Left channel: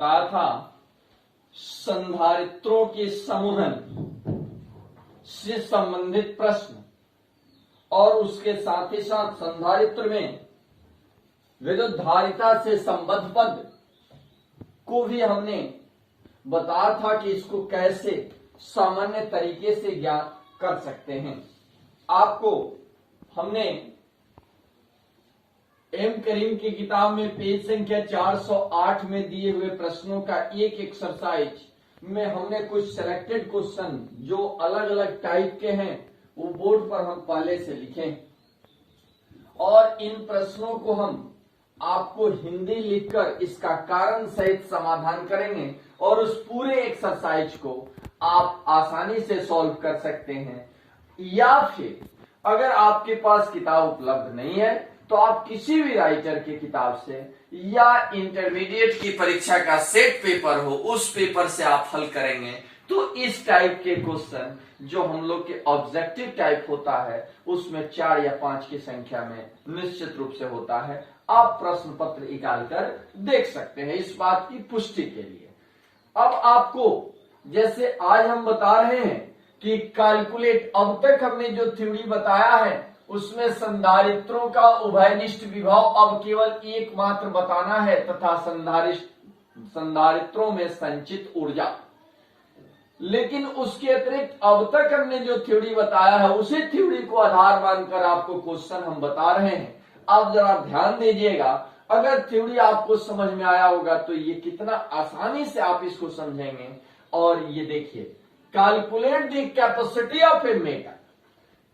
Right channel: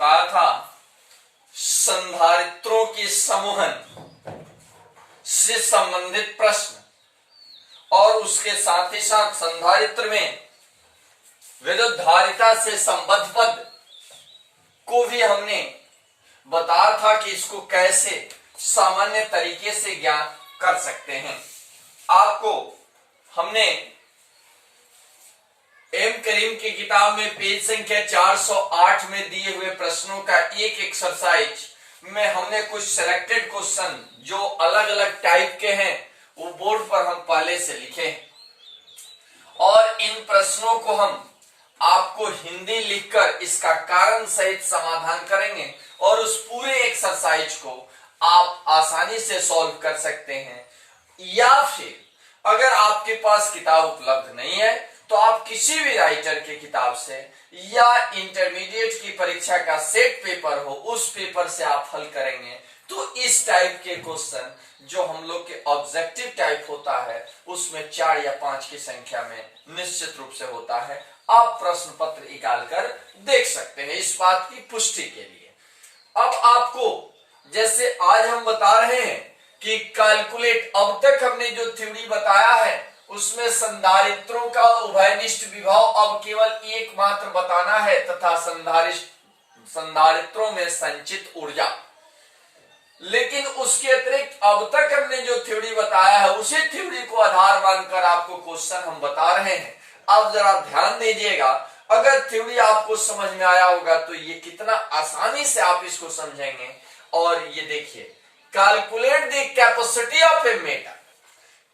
कहा था संधारित्रों के समूहन से संबंधित प्रश्न और उसके साथ ही साथ संधारित्र में विद्युत धारिता से संबद्ध पद को भी हमने बताया था कि इसको कैसे सामान्य तरीके से ज्ञात कर सकते हैं। आपको हमने एम करीम की किताब में पेज संख्या 408 में दिए हुए प्रश्नों का एक एक्सरसाइज में हमने कुछ सिलेक्टेड क्वेश्चन जो अलग अलग टाइप के हैं वो बोर्ड पर हम पहले से लिखे और इन प्रश्नों को हम आपको हिंदी लिखकर इसका कारण सहित समाधान करेंगे और उस पूरे एक्सरसाइज को आप आसानी से सॉल्व कर सकते हैं। या फिर अगर आपके पास किताब उपलब्ध नहीं है तो आप किसी भी राइटर की किताब से या इंटरमीडिएट की परीक्षा का सेट पेपर हो उस पेपर से आप हल करेंगे तो इस टाइप के क्वेश्चन जो हम लोग के ऑब्जेक्टिव टाइप होता है उसमें 4 या 5 की संख्या में निश्चित रूप से होता है। आप प्रश्न पत्र निकाल कर देख सकते हैं इस बात की पुष्टि के लिए। अब आपको जैसे आज हम बता रहे हैं कि कैलकुलेट, अब तक हमने जो थ्योरी बताया है उसमें संधारित्रों का उभयनिष्ठ विभव अब केवल एकमात्र बताना है तथा संधारित्रों में संचित ऊर्जा। लेकिन उसके अतिरिक्त अब तक हमने जो थ्योरी बताया है उसी थ्योरी को आधार मानकर आपको क्वेश्चन हम बता रहे हैं। अब जरा ध्यान दीजिएगा, अगर थ्योरी आपको समझ में आया होगा तो ये कितना आसानी से आप इसको समझेंगे। और ये देखिए, calculate the capacity of a metal,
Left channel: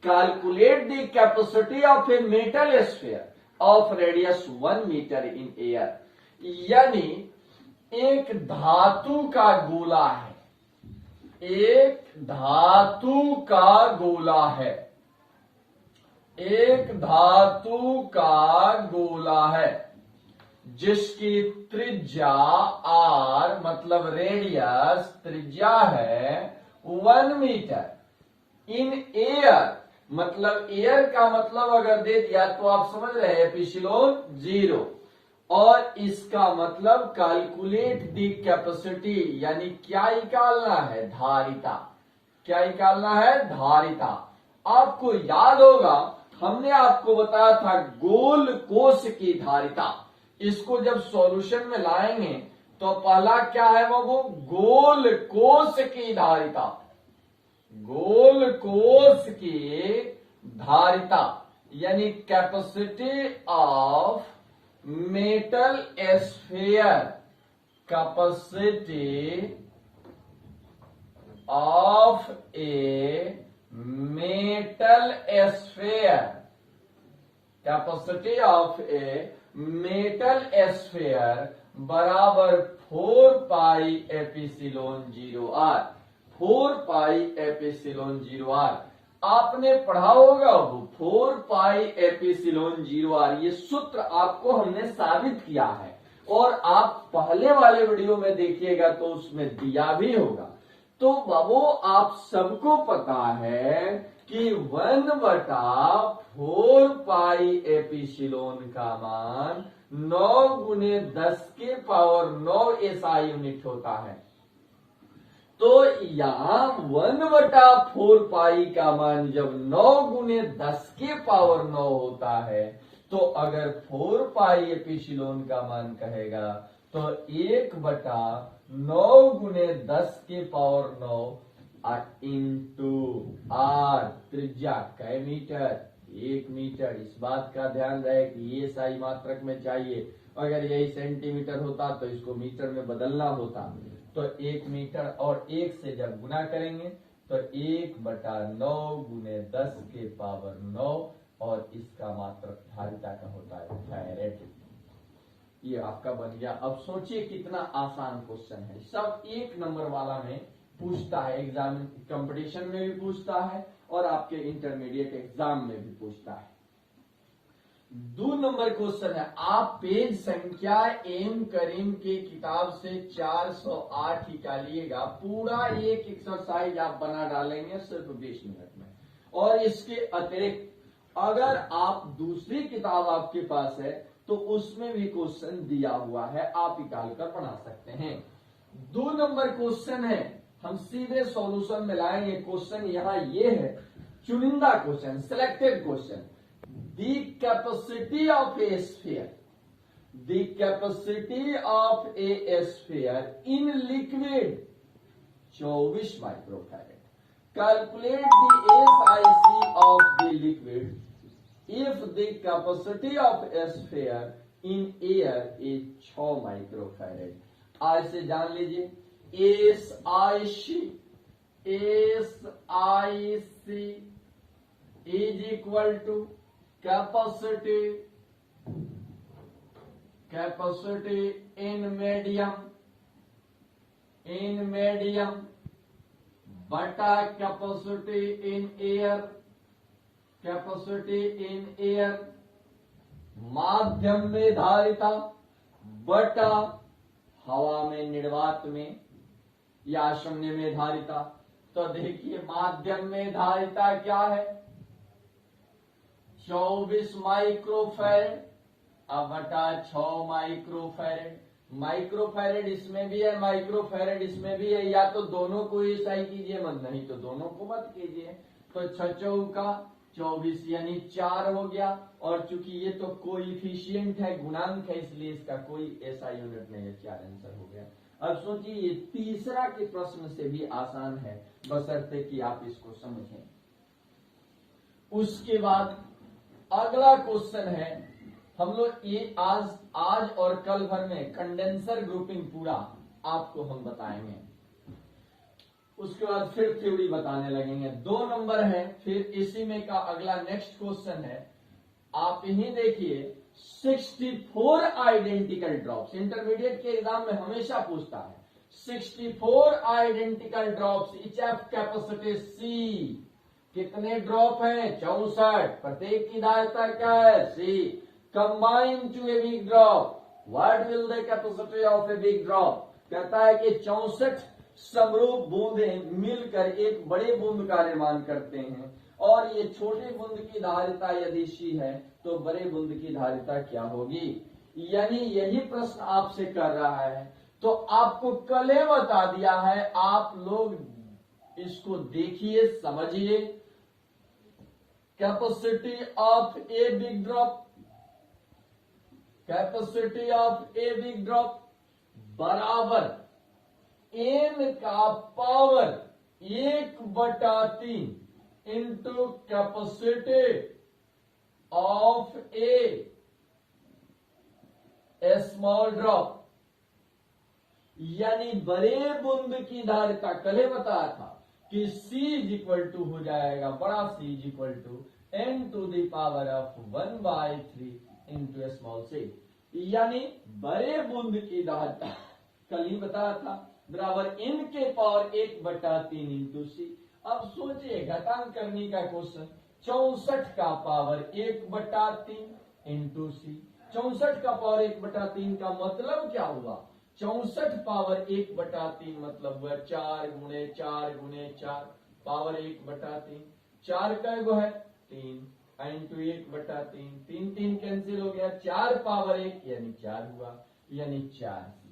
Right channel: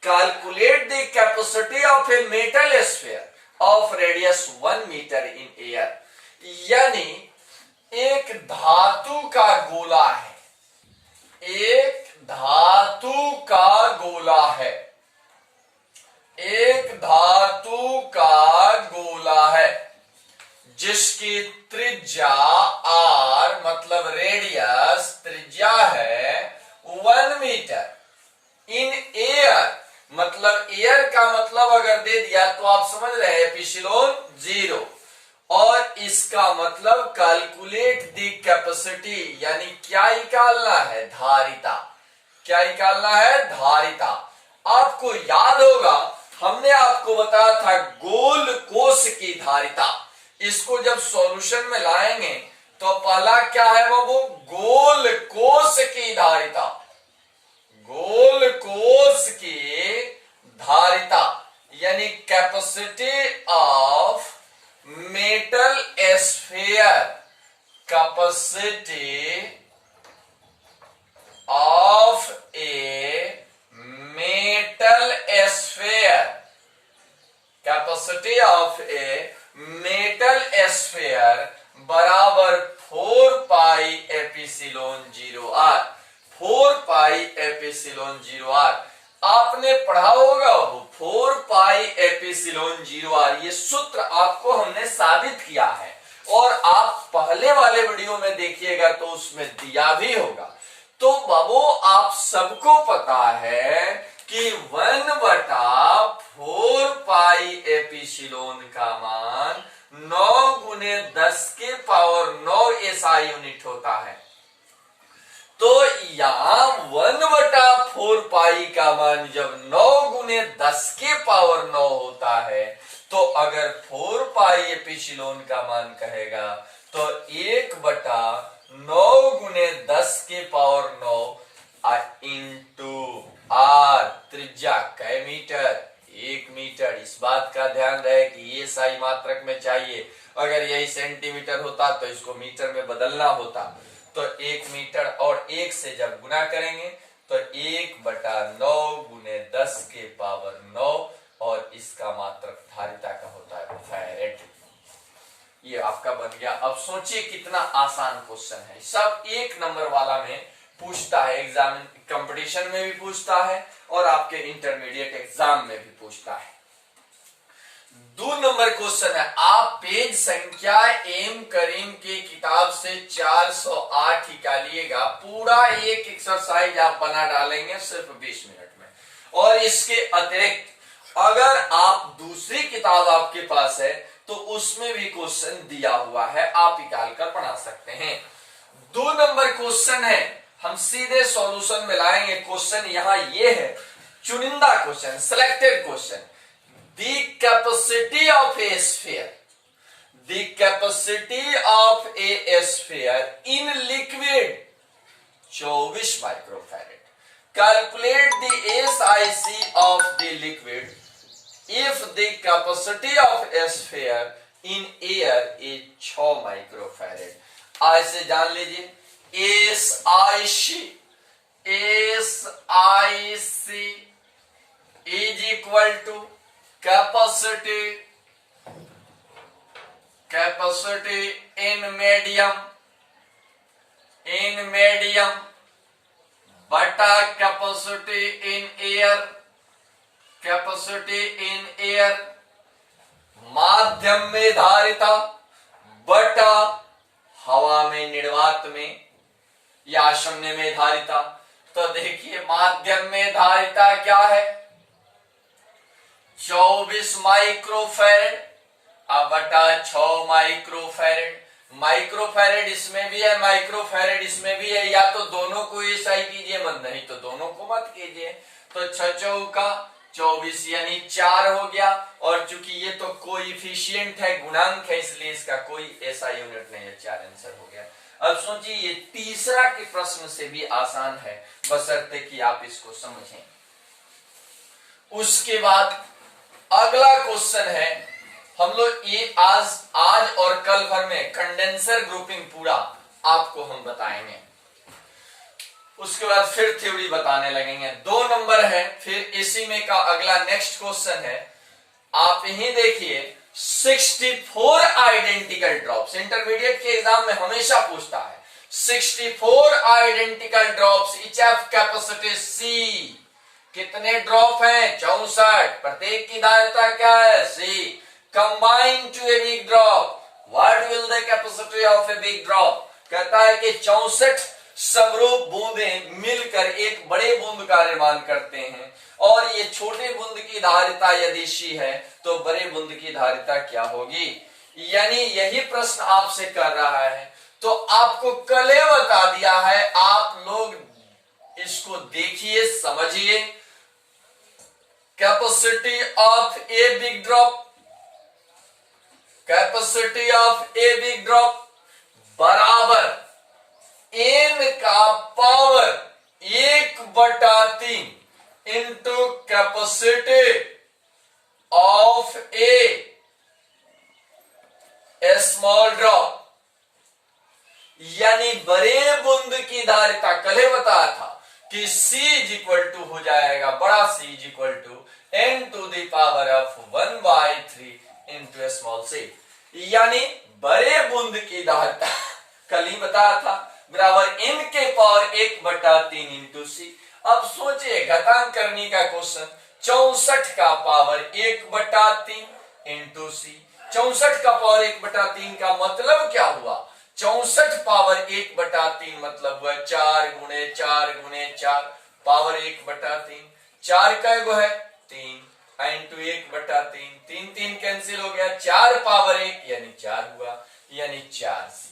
calculate the capacity of a metal sphere of radius 1 metre in air. यानी एक धातु का गोला है, एक धातु का गोला है, एक धातु का गोला है जिसकी त्रिज्या r मतलब रेडियस त्रिज्या है 1 मीटर इन एयर, मतलब एयर का मतलब अगर दे दिया तो आप समझ रहे हैं एप्सिलॉन 0। और इसका मतलब कैलकुलेट द कैपेसिटी, यानी क्या निकालना है, धारिता। क्या निकालना है, धारिता। आपको याद होगा हमने आपको बताया था गोल कोश की धारिता। इसको जब सॉल्यूशन में लाएंगे तो पहला क्या है वो गोल कोश की धारिता, गोल कोश की धारिता यानी capacity of metal sphere, capacity of a metal sphere, capacity of a metal sphere बराबर 4 pi epsilon 0r, 4 pi epsilon 0r। आपने पढ़ा होगा वो 4 पाई एप्सिलॉन 0r, ये सूत्र आपको हमने साबित किया है और आप पहले वाले वीडियो में देखिएगा तो उसमें दिया भी होगा। तो बाबू आप सबको पता है कि 1/4 पाई एप्सिलॉन का मान 9 गुने 10 के पावर 9 एसआई यूनिट होता है। तो यहां 1/4 पाई का मान जब 9 गुने 10 के पावर 9 होता है तो अगर 4 पाई एप्सिलॉन का मान कहेगा तो 1/9 गुने 10 के पावर 9 इंटू आर, त्रिज्या कै मीटर, 1 मीटर। इस बात का ध्यान रहे कि ये सही मात्रक में चाहिए, अगर यही सेंटीमीटर होता तो इसको मीटर में बदलना होता। तो 1 मीटर और 1 से जब गुना करेंगे तो 1/9 गुने 10 के पावर 9 और इसका मात्रक धारिता का होता है फैरेड। ये आपका बन गया। अब सोचिए कितना आसान क्वेश्चन है, सब 1 नंबर वाला में पूछता है, एग्जाम कंपटीशन में भी पूछता है और आपके इंटरमीडिएट एग्जाम में भी पूछता है। 2 नंबर क्वेश्चन है, आप पेज संख्या एम करीम की किताब से 408 निकालिएगा। पूरा एक एक्सरसाइज आप बना डालेंगे सिर्फ 20 मिनट में। और इसके अतिरिक्त अगर आप दूसरी किताब आपके पास है तो उसमें भी क्वेश्चन दिया हुआ है, आप निकाल कर बना सकते हैं। 2 नंबर क्वेश्चन है, हम सीधे सॉल्यूशन में लाएंगे। क्वेश्चन यहां ये है, चुनिंदा question, selected question. The capacity of a sphere, the capacity of a sphere in liquid 24 microfarad. Calculate the SiC of the liquid if the capacity of a sphere in air is 6 microfarad. आज से जान लीजिए SiC is equal to capacity in medium बटा capacity in air, capacity in air माध्यम में धारिता बटा हवा में निर्वात में या शून्य में धारिता। तो देखिए माध्यम में धारिता क्या है, 24 माइक्रोफैरेड अब बटा 6 माइक्रोफैरेड। माइक्रोफैरेड इसमें भी है, माइक्रोफैरेड इसमें भी है, या तो दोनों को ऐसा ही कीजिए मत, नहीं तो दोनों को मत कीजिए। तो 6 चौका 24 यानी 4 हो गया। और चूंकि ये तो कोएफिशिएंट है, गुणांक है, इसलिए इसका कोई ऐसा यूनिट नहीं है, 4 आंसर हो गया। अब सोचिए ये तीसरा के प्रश्न से भी आसान है, बशर्ते कि आप इसको समझें। उसके बाद अगला क्वेश्चन है, हम लोग ये आज और कल भर में कंडेंसर ग्रुपिंग पूरा आपको हम बताएंगे। उसके बाद फिर थ्योरी बताने लगेंगे। 2 नंबर है, फिर इसी में का अगला नेक्स्ट क्वेश्चन है, आप यही देखिए 64 आइडेंटिकल ड्रॉप्स। इंटरमीडिएट के एग्जाम में हमेशा पूछता है 64 identical drops each of capacity C। कितने ड्रॉप हैं? 64। प्रत्येक की धारिता क्या है? C। Combine to a big drop, what will the capacity of a big drop? कहता है कि 64 समरूप बूंदें मिलकर एक बड़े बूंद का निर्माण करते हैं, और ये छोटे बूंद की धारिता यदि C है तो बड़े बूंद की धारिता क्या होगी? यानी यही प्रश्न आपसे कर रहा है। तो आपको कल ही बता दिया है, आप लोग इसको देखिए, समझिए। Capacity of a big drop, capacity of a big drop बराबर n का power 1/3 into capacity of a small drop. यानी बड़े बूंद की धारिता कल ही बताया था कि C इज इक्वल टू हो जाएगा, बड़ा C is equal to n to the power of 1/3 into small c। यानी बड़े बूंद की धारिता कल ही बताया था बराबर n के पावर 1/3 इंटू c। अब सोचिए घातांक करने का क्वेश्चन, 64 का पावर 1/3 इंटू c। 64 का पावर 1/3 का मतलब क्या हुआ? 64 पावर 1/3 मतलब हुआ 4 गुणे 4 गुणे 4 पावर 1/3। 4 का गो है 3 इंटू 1/3, 3 3 कैंसिल हो गया, 4 पावर 1 यानी 4 हुआ, यानी 4c।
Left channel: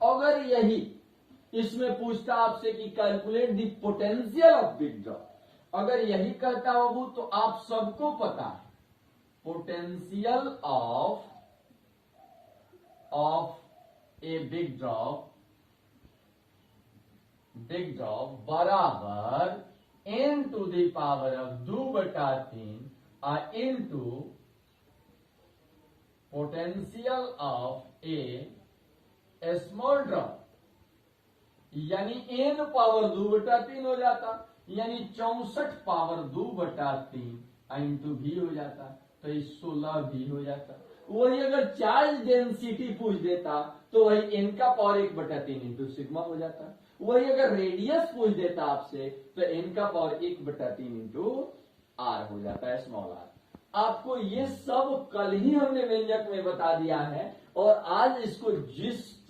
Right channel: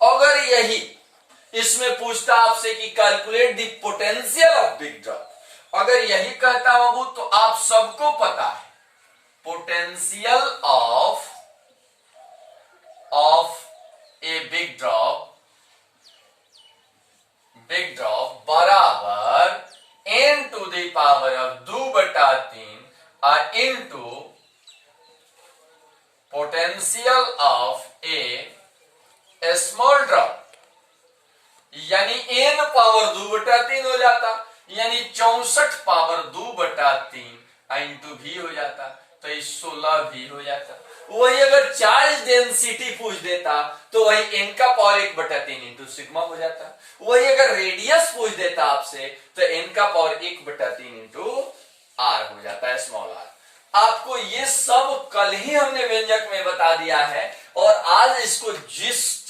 अगर यही इसमें पूछता आपसे कि calculate the potential of big drop, अगर यही कहता बाबू तो आप सबको पता है potential of a big drop बराबर n to the power of 2/3 into potential of a small drop. यानी n पावर 2/3 हो जाता, यानी 64 पावर 2/3 इंटू भी हो जाता, तो 16 भी हो जाता। वही अगर चार्ज डेंसिटी पूछ देता तो वही n का पावर 1/3 इंटू सिग्मा हो जाता। वही अगर रेडियस पूछ देता आपसे तो n का पावर 1/3 इंटू r हो जाता है, स्मॉल r। आपको ये सब कल ही हमने व्यंजक में बता दिया है, और आज इसको जिस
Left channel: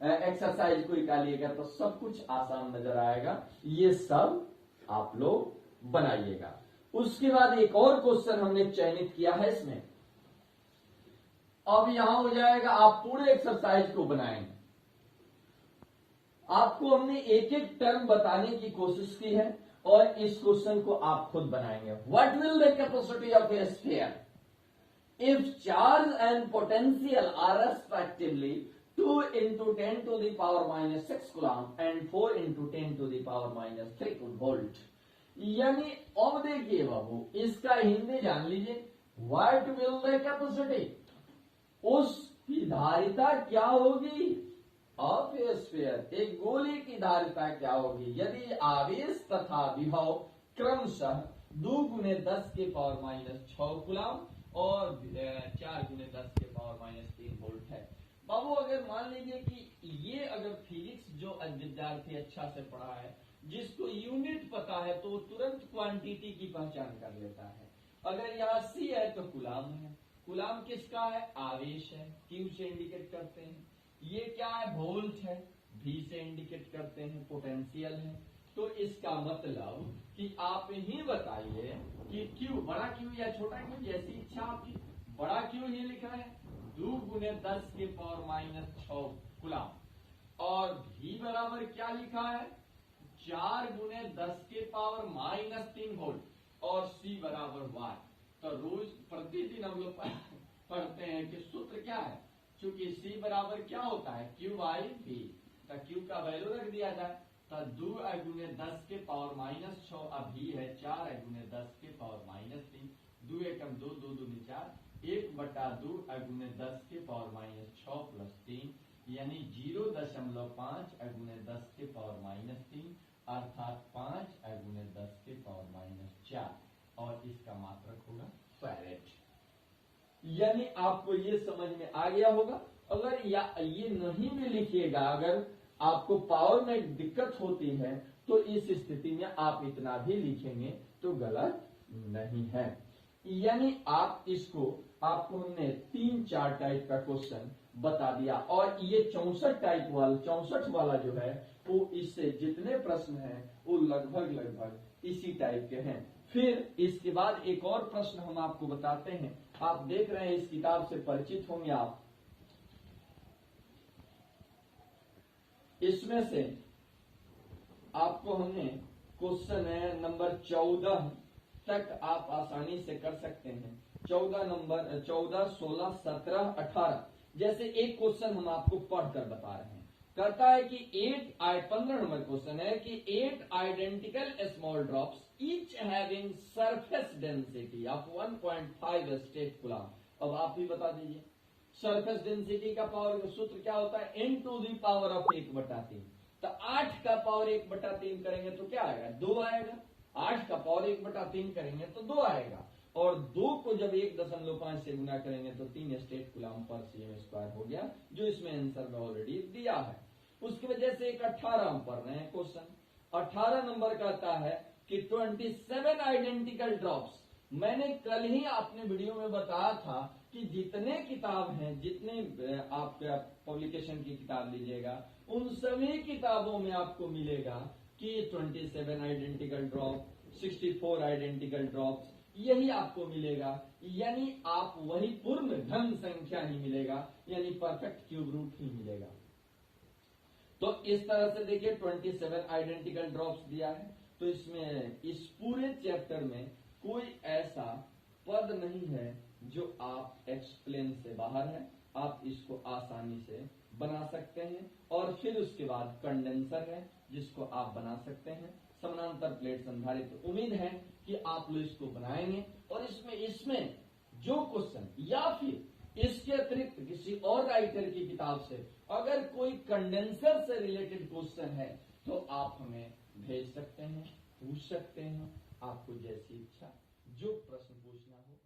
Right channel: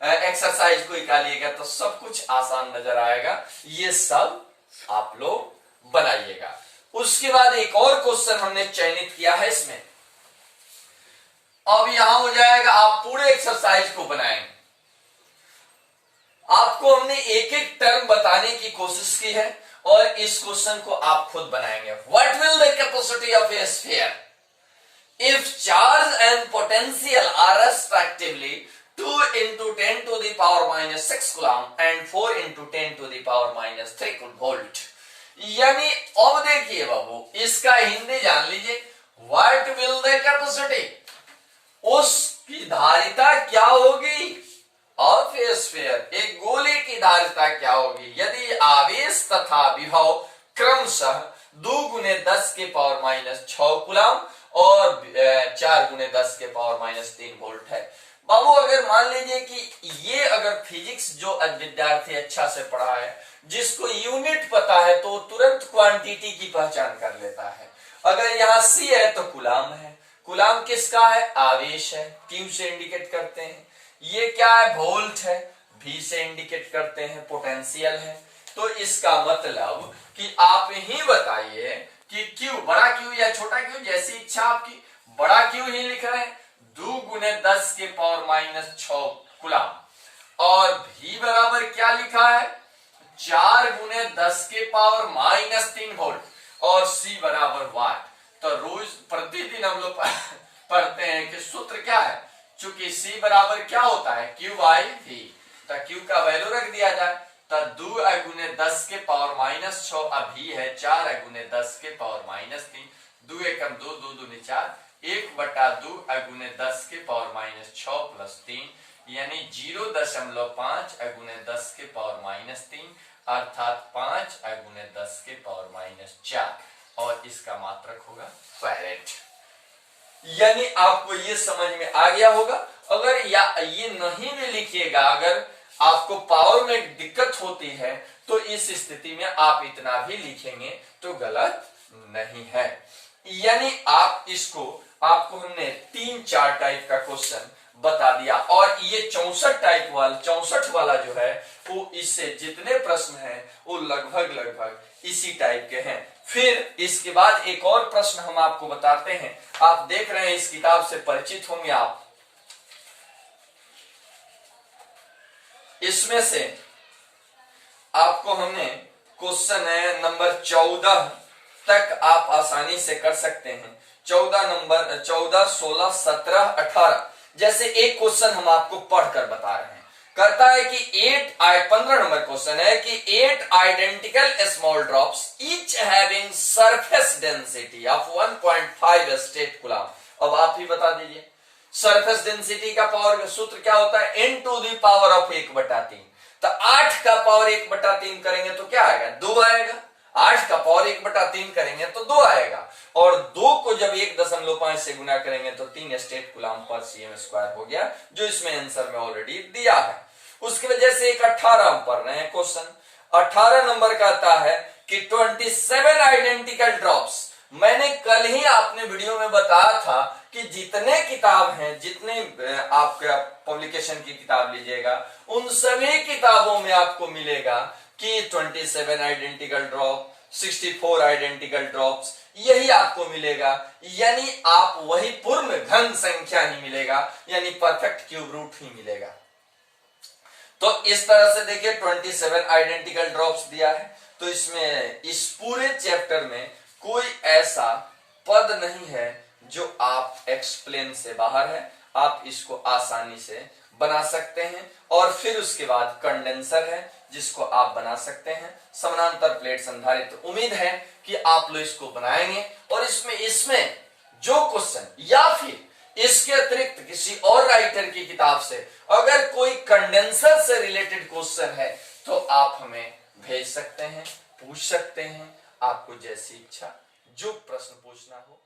एक्सरसाइज को निकालिएगा तो सब कुछ आसान नजर आएगा। ये सब आप लोग बनाइएगा। उसके बाद एक और क्वेश्चन हमने चयनित किया है इसमें। अब यहां हो जाएगा, आप पूरे एक्सरसाइज को बनाएंगे। आपको हमने एक एक टर्म बताने की कोशिश की है और इस क्वेश्चन को आप खुद बनाएंगे। What will the capacity of a sphere if charge and potential are respectively 2 into 10 to the power minus 6 coulomb and 4 into 10 to the power minus 3 volt। यानी अब देखिए बाबू, इसका हिंदी जान लीजिए। व्हाट विल द कैपेसिटी, उसकी धारिता क्या होगी ऑफ ए स्फीयर, एक गोले की धारिता क्या होगी यदि आवेश तथा विभव क्रमशः 2 गुने 10 के पावर माइनस 6 कुलाम और 4 गुने 10 के पावर माइनस 3 वोल्ट है। बाबू अगर मान लीजिए कि ये अगर फिजिक्स जो विद्यार्थी अच्छा से पढ़ा है, जिसको यूनिट पता है, तो तुरंत क्वांटिटी की पहचान कर लेता है। अगर यहाँ सी है तो कुलाम है। कुलाम किसका है? आवेश है, क्यू से इंडिकेट करते हैं। ये क्या है? वोल्ट है, भी से इंडिकेट करते हैं। पोटेंशियल है। तो इसका मतलब कि आप ही बताइए कि क्यू, बड़ा क्यू या छोटा क्यू, जैसी इच्छा आपकी, बड़ा क्यू ही लिख रहे हैं 2 गुने 10 के पावर माइनस 6 कुलाम, और भी बराबर क्या लिखा है 4 गुने 10 के पावर माइनस 3 वोल्ट, और सी बराबर वाट। तो रोज प्रतिदिन हम लोग पढ़ते हैं कि सूत्र क्या है, चूंकि सी बराबर क्या होता है क्यू बाई वी, तो क्यू का वैल्यू रख दिया जाए तो 2 गुने 10 के पावर माइनस 6, अभी है 4 गुने 10 के पावर माइनस 3, 2 एकम 2, 2 दूनी 4, 1/2 गुने 10 के पावर माइनस 6 प्लस 3, यानी 0.5 गुने 10 के पावर माइनस 3, अर्थात 5 गुने 10 के पावर माइनस 4, और इसका मात्रक होगा फैरेड। यानी आपको ये समझ में आ गया होगा। अगर या ये नहीं भी लिखिएगा, अगर आपको पावर में दिक्कत होती है तो इस स्थिति में आप इतना भी लिखेंगे तो गलत नहीं है। यानी आप इसको, आपको हमने 3-4 टाइप का क्वेश्चन बता दिया, और ये 64 वाला जो है वो, इससे जितने प्रश्न हैं वो लगभग इसी टाइप के हैं। फिर इसके बाद एक और प्रश्न हम आपको बताते हैं। आप देख रहे हैं, इस किताब से परिचित होंगे आप। इसमें से आपको हमने क्वेश्चन है नंबर 14 तक आप आसानी से कर सकते हैं। 14, 16, 17, 18 जैसे एक क्वेश्चन हम आपको पढ़कर बता रहे हैं। करता है कि 15 नंबर क्वेश्चन है कि 8 identical small drops each having surface density of 1.5 state कुलाम। अब आप ही बता दीजिए, सरफेस डेंसिटी का पावर सूत्र क्या होता है? n to the power of 1/3। तो 8 का पावर 1/3 करेंगे तो क्या आएगा? 2 आएगा। 8 का पावर 1/3 करेंगे तो 2 आएगा, और 2 को जब 1.5 से गुना करेंगे तो 3 स्टेट कुलाम पर सीएम स्क्वायर हो गया, जो इसमें आंसर में ऑलरेडी दिया है। उसकी वजह से एक 18 हम पढ़ रहे हैं क्वेश्चन। 18 नंबर कहता है कि 27 आइडेंटिकल ड्रॉप्स। मैंने कल ही आपने वीडियो में बताया था कि जितने किताब हैं, जितने आपका पब्लिकेशन की किताब लीजिएगा, उन सभी किताबों में आपको मिलेगा कि 27 आइडेंटिकल ड्रॉप, 64 आइडेंटिकल ड्रॉप्स, यही आपको मिलेगा। यानी आप वही पूर्ण घन संख्या ही मिलेगा, यानी परफेक्ट क्यूब रूट ही मिलेगा। तो इस तरह से देखिए 27 आइडेंटिकल ड्रॉप्स दिया है। तो इसमें इस पूरे चैप्टर में कोई ऐसा पद नहीं है जो आप एक्सप्लेन से बाहर है। आप इसको आसानी से बना सकते हैं। और फिर उसके बाद कंडेंसर है जिसको आप बना सकते हैं, समानांतर प्लेट संधारित्र। उम्मीद है कि आप लोग इसको बनाएंगे, और इसमें जो क्वेश्चन या फिर इसके अतिरिक्त किसी और राइटर की किताब से अगर कोई कंडेंसर से रिलेटेड क्वेश्चन है तो आप हमें भेज सकते हैं, पूछ सकते हैं। आपको जैसी इच्छा जो प्रश्न पूछना हो